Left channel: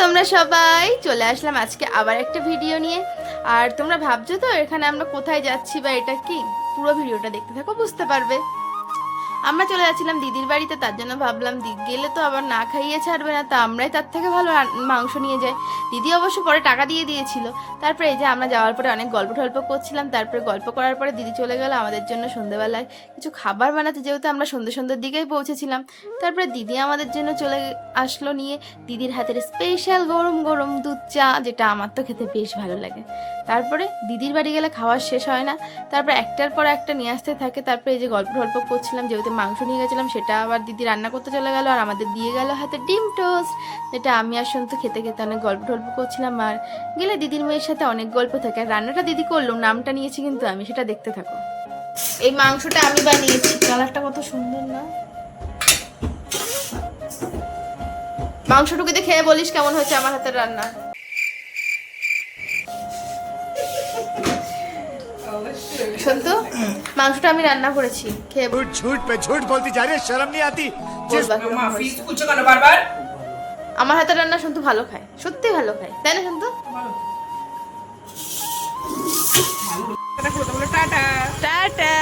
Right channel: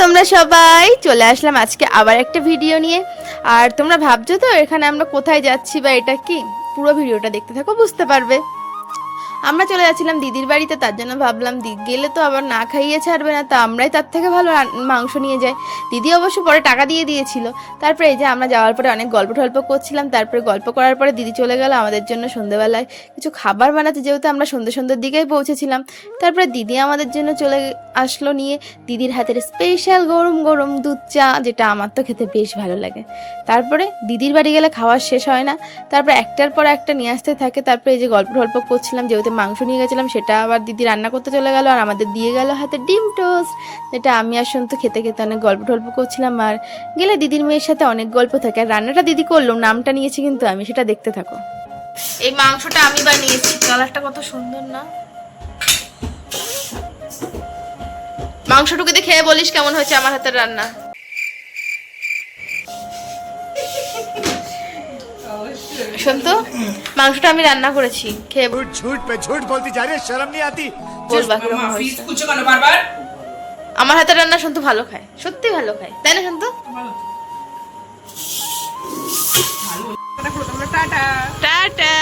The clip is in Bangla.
তোমরা সবাই চলে আসলাম আজকে আবার একটা ভিডিও নিয়ে। আর তোমরা ভাবছো তো এখানে আমরা কোথায় যাচ্ছি বা এটা কি, পুরো ভিডিওটা দেখতে থাকো বুঝতে পারবে। আমরা চলে যাচ্ছিলাম দিদির বাড়িতে, তার জন্য ভাবলাম গেলে তো আবার না খাইয়ে ছাড়বে না, তা আমরাই তার থেকে ভালো মাংস নিয়ে যাই। দিদি অবশ্য পরে টাকা দিয়ে দিয়েছিল। তারপরে এই যে আমরা যাওয়ার পরে অনেক গল্প টল্প করছিলাম, তারপরে গল্প করার পরে দিদি চলে গেল আমাদের জন্য সন্ধ্যেবেলায় কিছু খাবার বানাতে, যেহেতু আমরা সন্ধ্যের দিকেই পৌঁছেছিলাম। তারপরে দিদি আমাদের জন্য চলে আসলো নিয়ে দিদির হাতের স্পেশাল গরম গরম দুধ চা, যেটা আমার তো খেতে বেশ ভালো লাগে। তারপরে দিদির বাড়ি গেলে খাওয়া শেষ হয় না, তারপর একটার পর একটা নিয়ে আসতে থাকে। তারপরে এই যে গল্প করছিলাম, যেহেতু মাংস নিয়ে গেছিলাম সেটা আবার দিদি রান্না করতে চলে গেল, আর আমাদের দিয়ে গেল হাতে ডিম টোস্ট, যেটা আমি আর সন্তু খেতে খেতে অনেক গল্প করছিলাম। আর গেলে দিদির মেয়ের সাথে অনেক গল্প থাকে। আর রান্নাটা দিদি করলো, নামটা নিয়েছি কিন্তু আমি, সেটা দেখতে থাকো। এই মাংসটা আমি বানিয়েছি, কালারটা কত সুন্দর না। মাংসটুকুতে খেয়ে বলিস কেমন হয়েছে আমার হাতের রান্না। সন্তু, মাংসটা আমি রান্না করেছি, খেয়ে झूठ पे झूठ बोलती जा रही है, शर्म नहीं आती। আমার হাতের রান্না সন্তু ভালো খায়, সত্যি ভালো খায়, তাই না সন্তু? টাটা।